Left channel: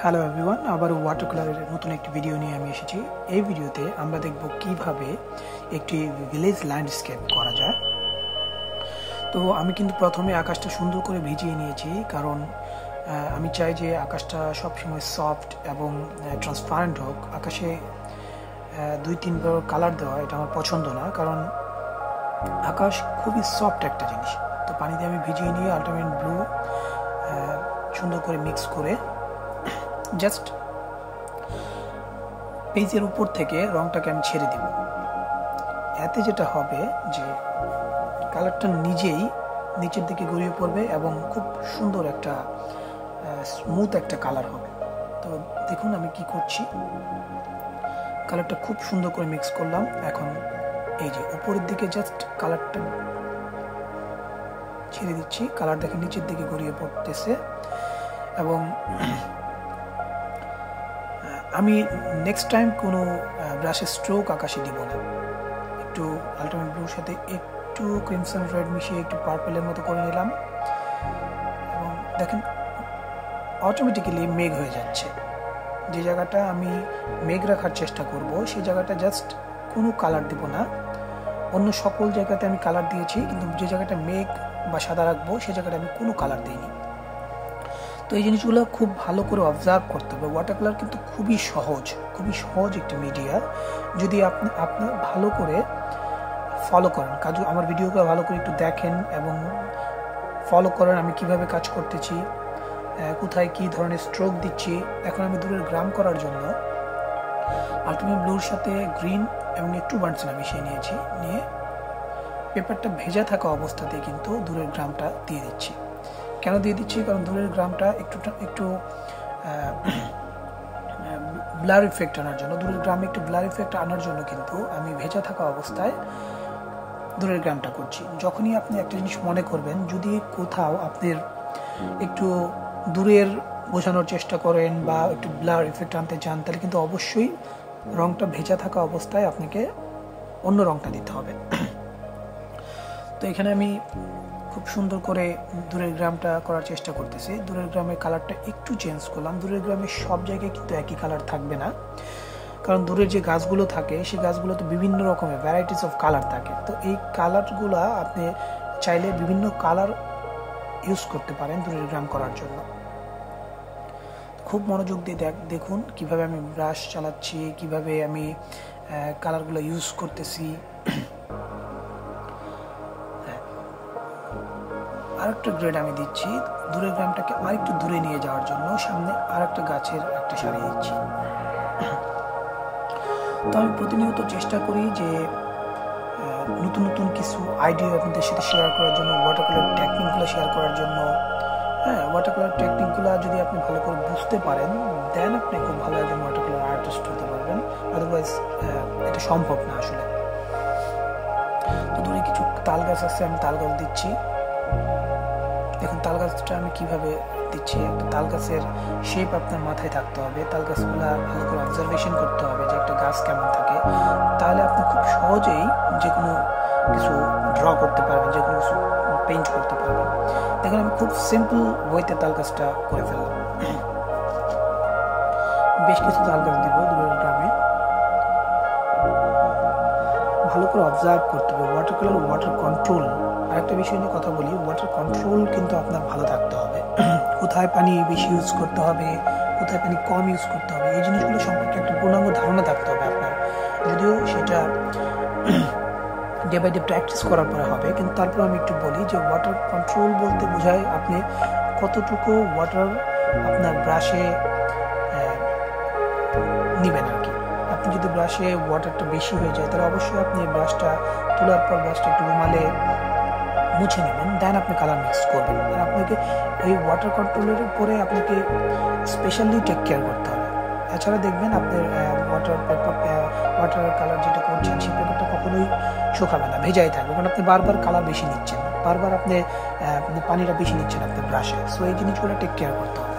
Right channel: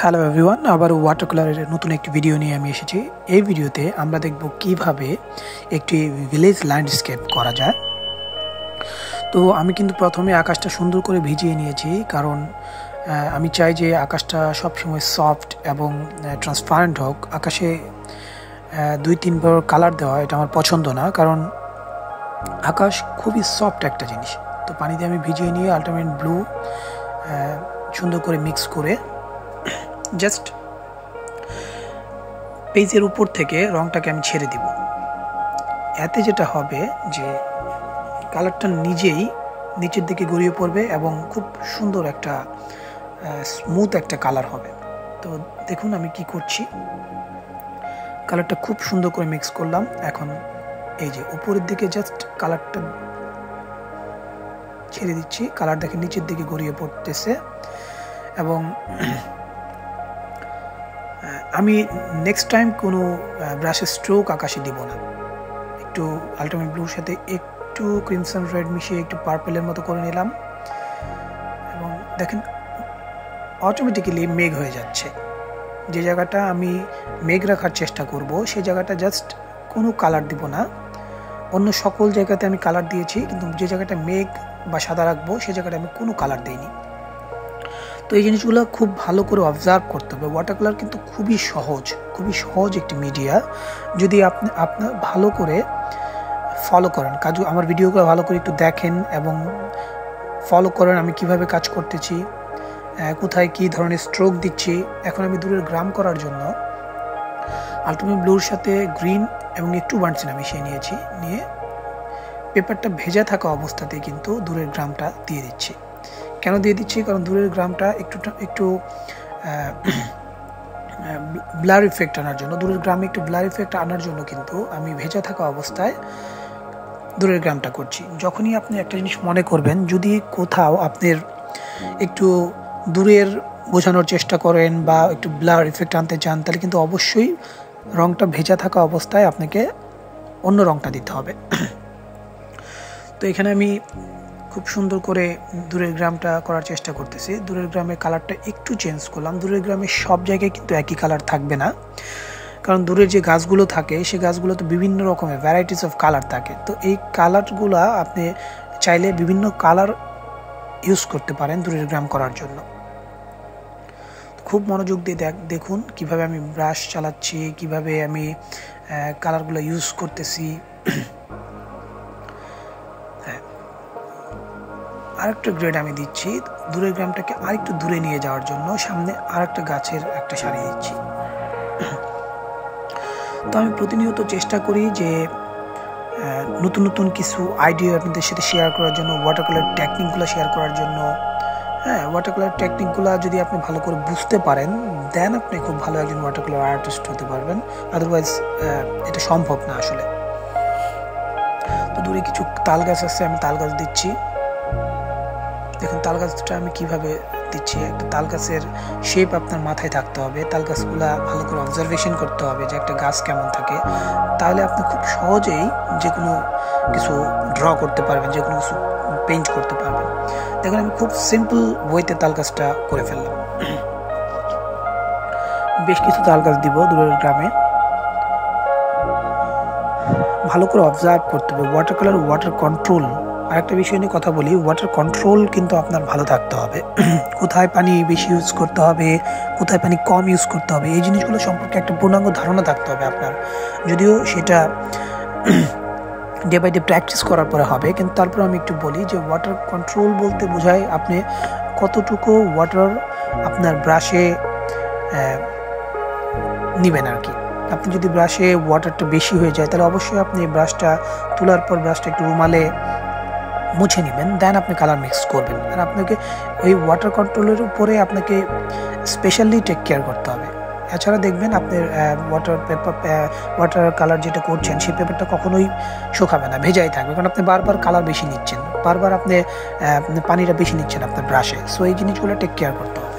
Hello everyone, আবার water কালারের নতুন একটি ভিডিও নিয়ে আমি এসেছি। এই ভিডিওতে আমরা দেখব কিভাবে একটি ভিলেজ ল্যান্ডস্কেপ করা যায়। তো আমি কিন্তু প্রথমে আকাশটা সুন্দর করে ভিজিয়ে নিয়েছি, কারণ আমি চাই যে আকাশটা সবসময় সফট এবং ট্রান্সপারেন্ট হোক। আকাশে 2-3 বার কালার দেওয়া এটা আমার পছন্দ না, কারণ আকাশ খুবই সফট একটা জিনিস। তো পানিতে আমি ভিজিয়ে নিয়ে আল্টিমেট ব্লু সুন্দর করে মিক্স করে জাস্ট পেজের উপর থেকে রংটাকে আমি ছেড়ে দিব। এতে যেটা হবে যে কালারটা নিজেই নিচের দিকে গড়িয়ে পড়বে এবং খুব সুন্দর একটা স্মুথ একটা কালার হবে। তো দেখুন আমি কি করছি, কালারটা খুব সুন্দর করে মিক্স করলাম। এখন এই যে উপরের দিকে জাস্ট কালারটা ছেড়ে দিচ্ছি, কালার দেখে নিচের দিকে গড়িয়ে পড়তেছে। এবং আমি নেক্সট টাইম কোনো ব্রাশের স্ট্রোক আকাশে দিব না। একটু আল্টিমেট ব্লুর সাথে একটু ক্রিমসন রেড মিশিয়ে একটু পার্পেলের মতো করে নিলাম, এবং দেখেন অটোমেটিক্যালি মেঘ হয়ে যাচ্ছে। যে জায়গাটা আমি মেঘ রাখার চেষ্টা করব সেই জায়গাটা জাস্ট কোনো কালার দিব না। অন্য সকল জায়গাতে আমি কালার দিয়েছি, কিন্তু যে জায়গাটা মেঘ বা সাদা রাখবো সেই জায়গাটা আমি কোনো কালার দিইনি। তো এই জিনিসগুলো খুব ভালো করে অবজার্ভ করতে হবে। ওয়াটার কালার কিন্তু খুবই সহজ একটি মিডিয়া। যদি আপনি ভালো করে ফলো করেন, আমার ভিডিওগুলো ভালো করে একটু দেখেন এবং ফলো করেন আমি কিভাবে কাজ করতেছি, কোথায় কি ধরনের স্ট্রোক দিচ্ছি। এখন আমি দূরের গ্রাম করার জন্য আল্টিমেট ব্লুর সাথে গ্রিন এবং একটু বার্নসিনা মিশিয়ে নিয়েছি, নিয়ে পেপারটা ভেজা থাকা অবস্থাতেই কিন্তু দূরের গ্রামটা দিয়ে দিচ্ছি। কেন দিয়ে দিচ্ছি? কারণ দূরের গ্রামটা একটু ব্লার ইফেক্ট আনার জন্য, দূরের গ্রামে একটু ব্লার ইফেক্ট আনার জন্য কিন্তু আমি ভেজা থাকা অবস্থায় দূরের গ্রামটা করছি। যখনই আপনি একটা জিনিস মনে করবেন, যদি কোথাও আপনার একটু দূরের বোঝানোর চেষ্টা করেন বা একটু ব্লার ইফেক্ট আনতে চান, তাহলে কিন্তু অবশ্যই রংটা ভেজা থাকা অবস্থায় আপনাকে অন্য রংটা দিতে হবে। তো এখানে আমি খুব সুন্দর করে দূরের গ্রামটা করার চেষ্টা করতেছি। দূরের গ্রামের কালারটা একটু চেঞ্জ করলাম। দূরের গ্রামে সব জায়গায় কিন্তু একই কালার থাকবে না, কারণ দূরের যে গাছগুলো থাকে সেই গাছগুলোতে বিভিন্ন রকমের ভ্যারাইটিস অফ কালার থাকে। তো এই কালারগুলো আপনি চাইলে বিভিন্ন কালার ইউজ করতে পারেন দূরের গ্রাম করার জন্য। খুব মনোযোগ দিয়ে দেখুন কিভাবে আমি ব্রাশ চালাচ্ছি, কিভাবে আমি কালারগুলো ইউজ করতেছি। আরেকটা গ্রেড আমি দিচ্ছি দূরের গ্রামটাকে আরেকটু দূরে নিয়ে যাওয়ার জন্য, সামনে আরেকটা গাছের একটা সারি দিচ্ছি। তো আমি প্রতিনিয়ত চেষ্টা করি যে নতুন কিছু আইডিয়া আপনাদের সাথে শেয়ার করার জন্য, ওয়াটার কালার টেকনিকগুলো শেয়ার করার জন্য। ওয়াটার কালার টেকনিকগুলো যদি আপনি ভালো করে বুঝতে পারেন, দেন আপনি খুব ভালো একজন ওয়াটার কালার আর্টিস্ট হতে পারবেন। আদারওয়াইজ এটা সম্ভব না আসলে। তো দূরে কিছু তাল গাছ আছে, আমি তাল গাছ দিচ্ছি। দেখুন তাল গাছটা আমি কিভাবে দিচ্ছি। একটা তাল গাছের শেপ আপনার মাথায় থাকতে হবে, তাল গাছগুলা ভালো করে অবজারভেশন করতে হবে যে একটা গাছ কেমন থাকে, তাহলে আপনি খুব সহজেই যে কোনো কিছু ড্র করতে পারবেন, যে কোনো কিছু পেইন্ট করতে পারবেন। দেখুন আমি খুব সিম্পল ওয়েতে তাল গাছটা করে ফেললাম। বেশ কিছু তাল গাছ দিব দূরের গ্রামে। ভালো করে অবজার্ভ করতে হবে। ওয়াটার কালার, ওয়াটার কন্ট্রোল, আরেকটা বিষয় নিয়ে কথা বলি। ওয়াটার কন্ট্রোল কিন্তু আপনার ভালো থাকতে হবে। কোথায় পানি বেশি ইউজ করতে হবে, কোথায় পানি কম ইউজ করতে হবে, এই জিনিসগুলো সম্পর্কে একটা পূর্ণাঙ্গ ধারণা থাকতে হবে আপনার। যদিও সেটা ডে বাই ডে প্র্যাকটিস করার পরে হবে, কিন্তু তারপর আমি একটু বলি যে ওয়াটার কন্ট্রোল বলতে বোঝায় আপনি কতটুকু ওয়াটার আপনার ব্রাশে নেবেন আর কি। আপনি যদি ব্রাশে ওয়াটারটা বেশি হয়ে যায়, তাহলে অবশ্যই আপনি ব্রাশটা তোলার পর ব্রাশটা একটু রুমালে মুছে নেবেন, দেন আপনি কালার মিক্স করবেন। আর আপনাকে ওই ওয়াটার কন্ট্রোলের উপরে আপনাকে স্পেশালি টেক কেয়ার করতে হবে। এছাড়া দেখবেন আপনার ওয়াটার কালার যেটা করছেন সেই পেপারটা কখনোই শুকাবে না, ভেজাই থাকবে, কারণ আপনি বারবার কালার বেশি নিচ্ছেন, বারবার আপনি পানিটা বেশি নিচ্ছেন আপনার ব্রাশে। সো এই জিনিসগুলো টেক কেয়ার করতে হবে।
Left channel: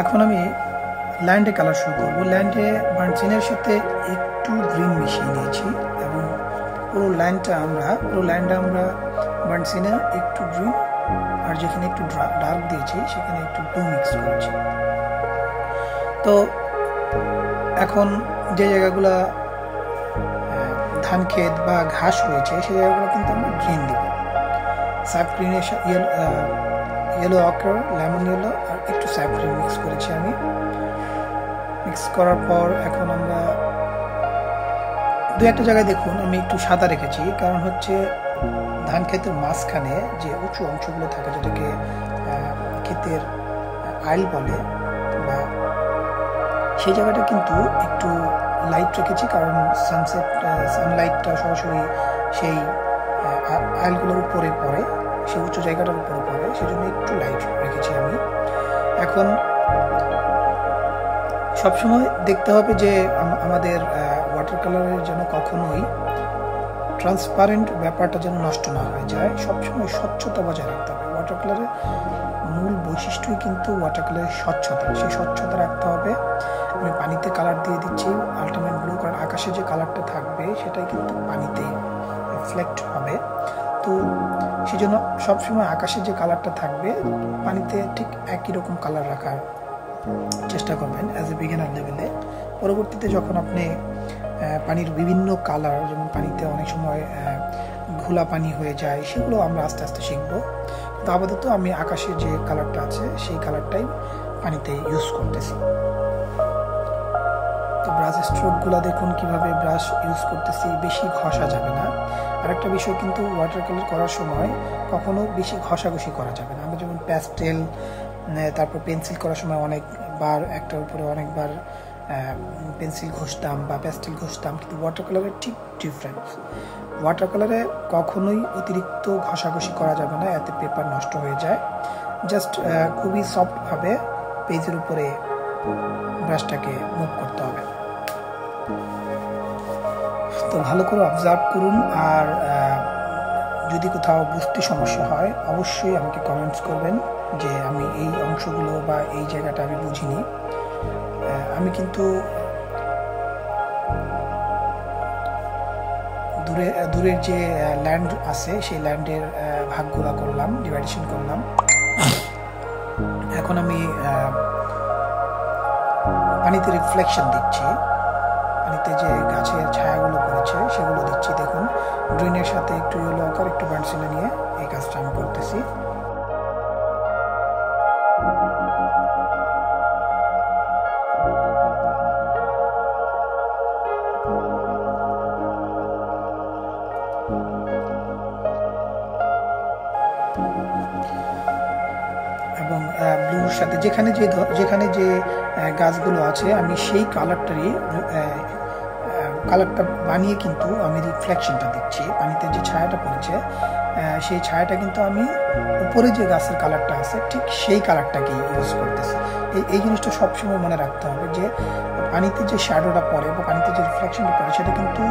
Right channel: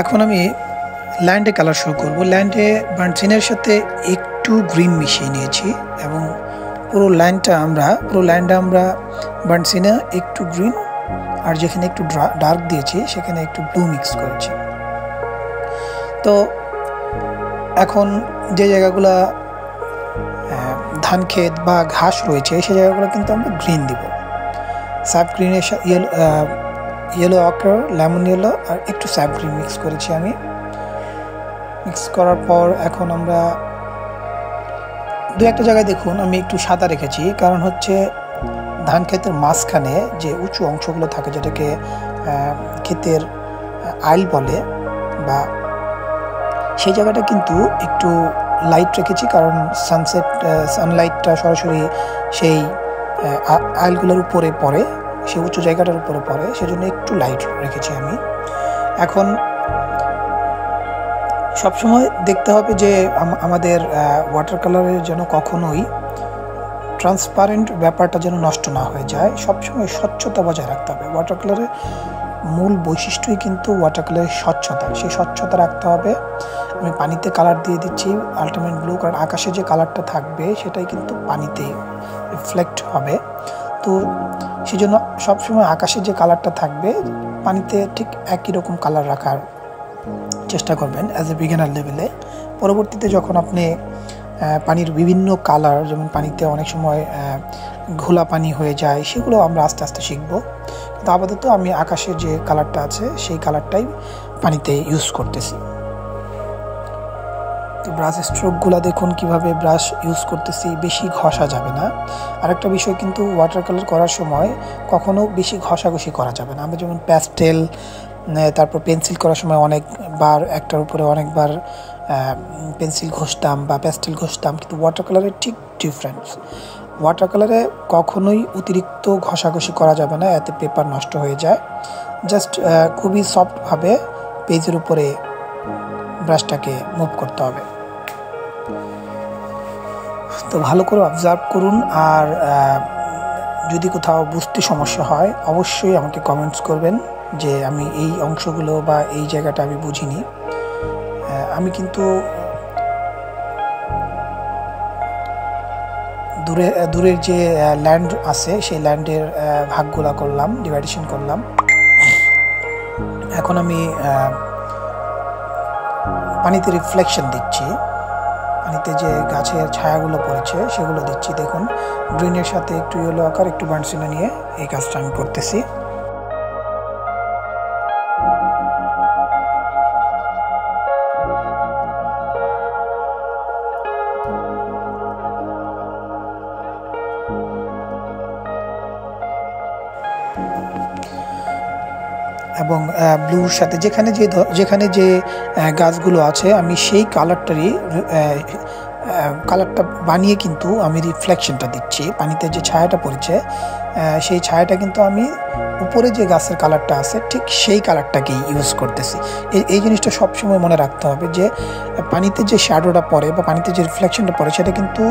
এখন আমি ল্যান্ডে কালার শুরু করব। ল্যান্ডে বার্নসিনের সাথে একটু গ্রিন মিশিয়ে নিয়েছি এবং পুরো ল্যান্ডে আমরা বার্নসিনে একটু গ্রিন আর যেখানে একটু ডার্ক দিয়েছি সেখানে একটু ব্লু মিক্স করেছি। তো এখন যে জায়গাগুলো ধান ক্ষেত বা ঘাস রয়েছে সেই জায়গাগুলো কিন্তু আমরা গ্রিন দিব। সাব গ্রিনের ইয়েলো অকার, লেমন ইয়েলো আর একটু স্যাপ গ্রিন মিক্স করেছি আমি। মিক্স করার পর এখন আমরা দু একটা জায়গায় দেখুন আমি একটু সাদা রেখেছি, কারণ হচ্ছে ধান ক্ষেতের মাঝখানে যে উঁচু অংশগুলো থাকে যেটাকে ক্ষেতের আইল বলে, বা সেই জায়গাটা কিন্তু একটু লাইট রেখেছি, কারণ সানলাইটটা সরাসরি সেই আইলগুলোর উপরে পড়ে, সেই উঁচু জায়গাটার উপরে পড়ে, সেজন্য একটু লাইট রেখেছি আমি। এখন সবসময় দেখতে হবে যে আমাদের ওয়াটার কালারের যেন কখনোই ট্রান্সপারেন্ট ব্যাপারটা যেন নষ্ট না হয়ে যায়। সবসময় স্বচ্ছতা বজায় রাখতে হবে। ওয়াটার কালারের মূল বৈশিষ্ট্যই কিন্তু ওয়াটার কালারের স্বচ্ছতা, সেই স্বচ্ছতা রাখতে হবে। আমি পানিতে কালার দিয়ে দিচ্ছি আল্টিমেট ব্লু, কারণ আকাশে যে কালারটা থাকবে সেটাই কিন্তু পানিতে রিফ্লেক্ট হবে। তো সেই জন্য সবসময় আকাশে যে কালারটা থাকবে পানিতে ঠিক একই রকম কালার রাখার চেষ্টা করবেন অ্যাজ এ বিগিনার লেভেলে। পরবর্তীতে যখন আপনি পানির বিভিন্ন কালার, যেমন পানিতে অনেক সময় ঘোলা পানি হয়ে যায়, সেগুলো আমরা আস্তে আস্তে শিখব। তো আপাতত আমি আকাশে যে কালারটা আছে সেই কালারটাই পানিতে ইউজ করতেছি। তো ব্রাশ স্ট্রোকগুলো দেখুন কিভাবে ব্রাশ ইউজ করতেছি, বেশি ঘষা যাবে না। আরেকটা বিষয় কিন্তু ওয়াটার কালার করার সময় কখনো বেশি ঘষাঘষি করা যাবে না। আমরা যেমন প্যাস্টেল, তারপর পেন্সিল করার সময় অনেকবার একটার উপরে অনেকবার পেন্সিল ঘষতাম বা প্যাস্টেল ঘষতাম, কিন্তু ওয়াটার কালারের ঠিক ডিফারেন্স। ওয়াটার কালারে কখনোই অতিরিক্ত ঘষাঘষি করা যাবে না, এতে পেপার নষ্ট হয়ে যায়। জাস্ট খুবই সফটভাবে পেজের উপরে ব্রাশটাকে মুভ করতে হবে। তো ভালো করে অবজার্ভ করুন, আর যদি কোথাও বুঝতে সমস্যা হয় অবশ্যই আমাকে কমেন্টস করবেন যে আমি এই অংশগুলো বা এই জায়গাটা আমি বুঝিনি। আমি কিন্তু দূরের যে ল্যান্ড আছে সেই ল্যান্ডের ভাগগুলা করলাম, ডিভাইডেশন করলাম। এখন আমি পানিতে রিফ্লেকশন দিচ্ছি, পানিতে যে গাছের ছায়াগুলো পড়েছে সেগুলো দিচ্ছি। দেখুন গ্রিনের সাথে একটু ইয়েলো আকার, একটু বার্নসিনে নিয়ে এই কাজটা আমি করতেছি। এবং ব্লুর সাথে যেখানে যে গাছগুলো আছে আমি সেই কালারটা বানিয়ে কিন্তু আমি রিফ্লেকশনটা দিচ্ছি। পানিতে যে ছায়াটা পড়েছে সেই ছায়াটা কিন্তু আমি উপরে যে গাছের কালারটা আছে ঠিক সেই কালারটাকেই ইউজ করতেছি। এই জিনিসটা সবসময় মনে রাখতে হবে যে পানিতে যে শ্যাডোটা পড়ে বা পানিতে যে রিফ্লেকশনটা পড়ে সেটা কিন্তু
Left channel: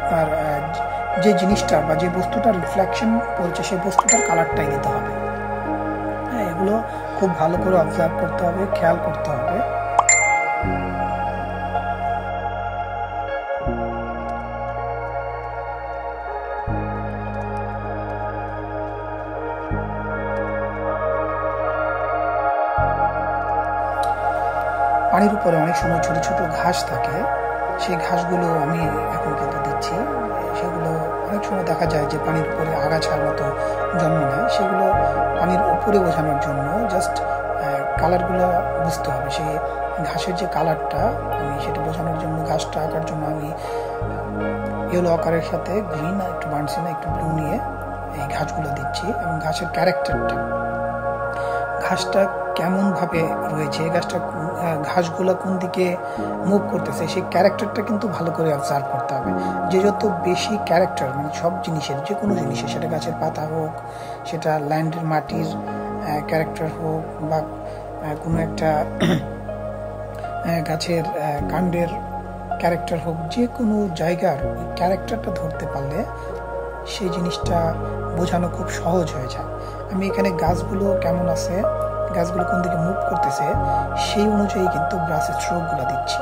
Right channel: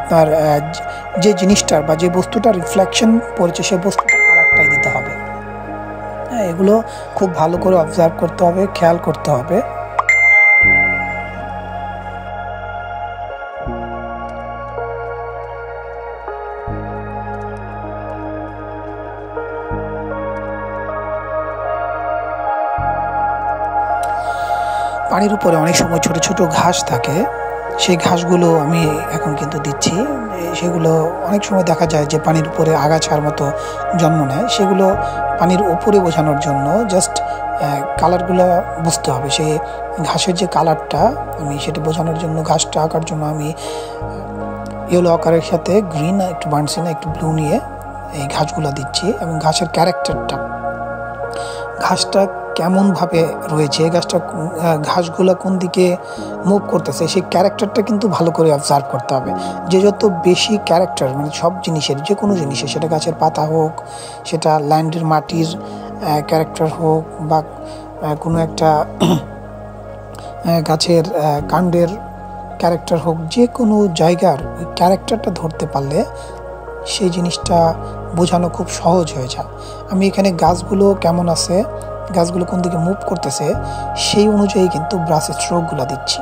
আপনার যে জিনিসটার বা যে বস্তুটার রিফ্লেকশন পড়েছে সেই বস্তুটার কালারটাই দিতে হবে। হ্যাঁ, এগুলো খুব ভালো করে অবজার্ভ করতে হবে, খেয়াল করতে হবে। পানির উপরে অনেক সময় ছোট ছোট ঘাস থাকে, সেই ঘাসগুলো আমি এখন কিন্তু দিচ্ছি। সেগুলো অনেক সময় দেখা যায় যে পানির উপরে আগাছার মতো জন্ম নেয়, সেগুলো পানির ওপরে বোঝানোর জন্য জাস্ট কালারগুলো বুঝতে হবে। সেই ঘাসের যে কালারটা আমি সেটা বোঝানোর জন্য, ঘাসটা আঁকার জন্য আমি ইয়েলো আকারের সাথে গ্রিন, একটু বার্নসিনা, একটু ব্লু নিয়ে এই ঘাসগুলো দিচ্ছি। এবং ঘাসের ক্যারেক্টারটা, ঘাসটা কেমনভাবে রয়েছে, ঘাসগুলো কোন দিকে মুভ করতেছে, সেই ক্যারেক্টারটা কিন্তু ভালো করে অবজার্ভ করতে হবে। যে যত বেশি ক্যারেক্টার, মানে সব জিনিসের, যে কোনো জিনিসের, সেটা গাছের পাতা হোক, সেটা ল্যান্ডের মাটির ক্যারেক্টার হোক, বা কোনো একটা গাছের কাণ্ডের ক্যারেক্টার হোক, যে কোনো জায়গার ওই ক্যারেক্টারটা ধরতে পারলে সেই জিনিসটা বোঝানো খুব সহজ হয়ে যায়। আমি এখানে গাছগুলো কেমন আছে, গাছগুলো কোন দিকে মুভ করতেছে, সেই অনুযায়ী কিন্তু ব্রাশের স্ট্রোকগুলো দিচ্ছি।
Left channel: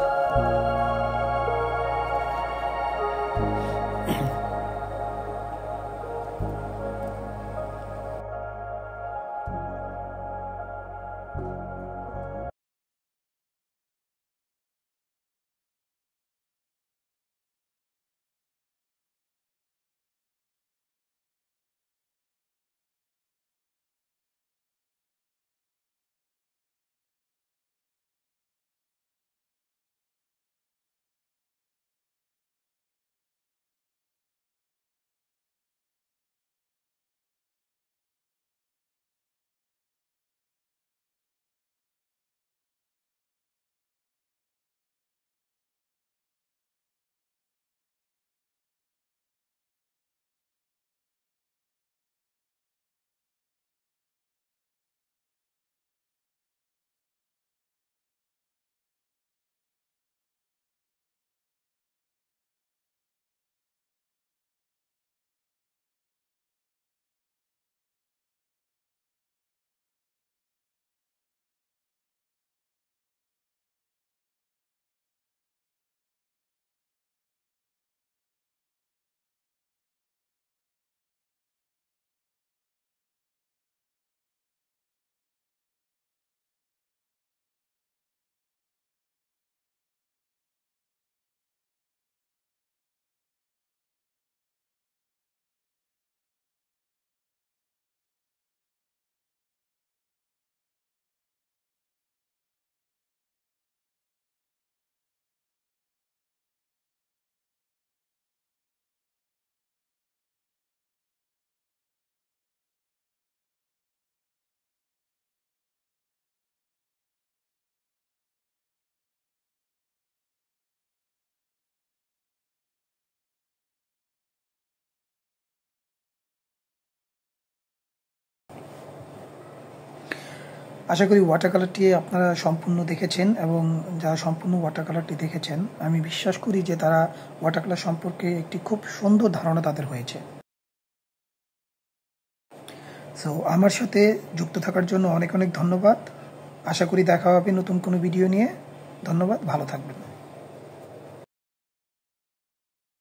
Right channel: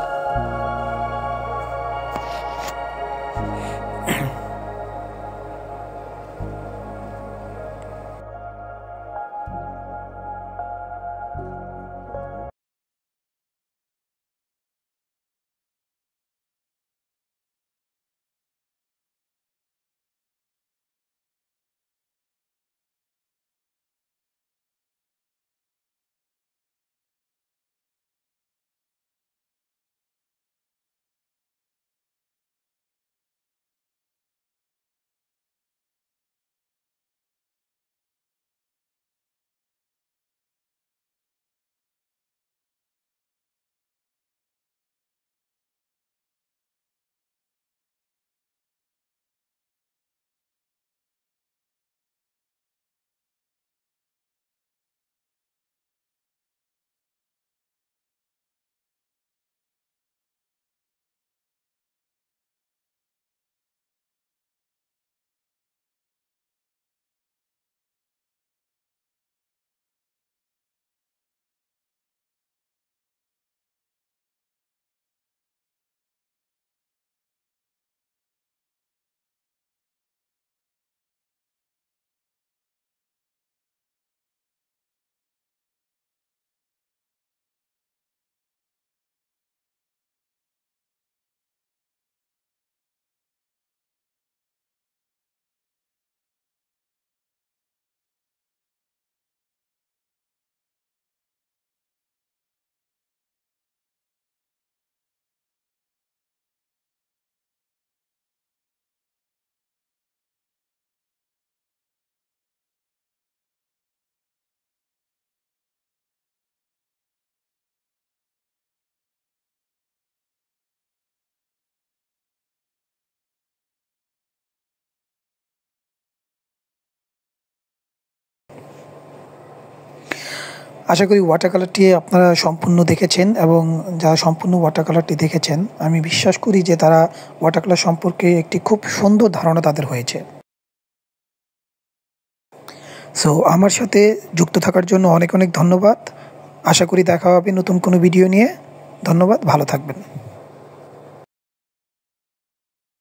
আশা করি ওয়াটার কালারটি আপনারা সম্পূর্ণ দেখেছেন, এবং যারা সম্পূর্ণ ওয়াটার কালারটি দেখেছেন, আমি বিশ্বাস করি যে তারা ওয়াটার কালার সম্পর্কে একটি খুব সুন্দর ধারণা তাদের হয়েছে। সো আমার সাথে যুক্ত থাকার জন্য অনেক অনেক ধন্যবাদ। আশা করি দেখা হবে নতুন কোনো ভিডিও নিয়ে। ধন্যবাদ, ভালো থাকবেন।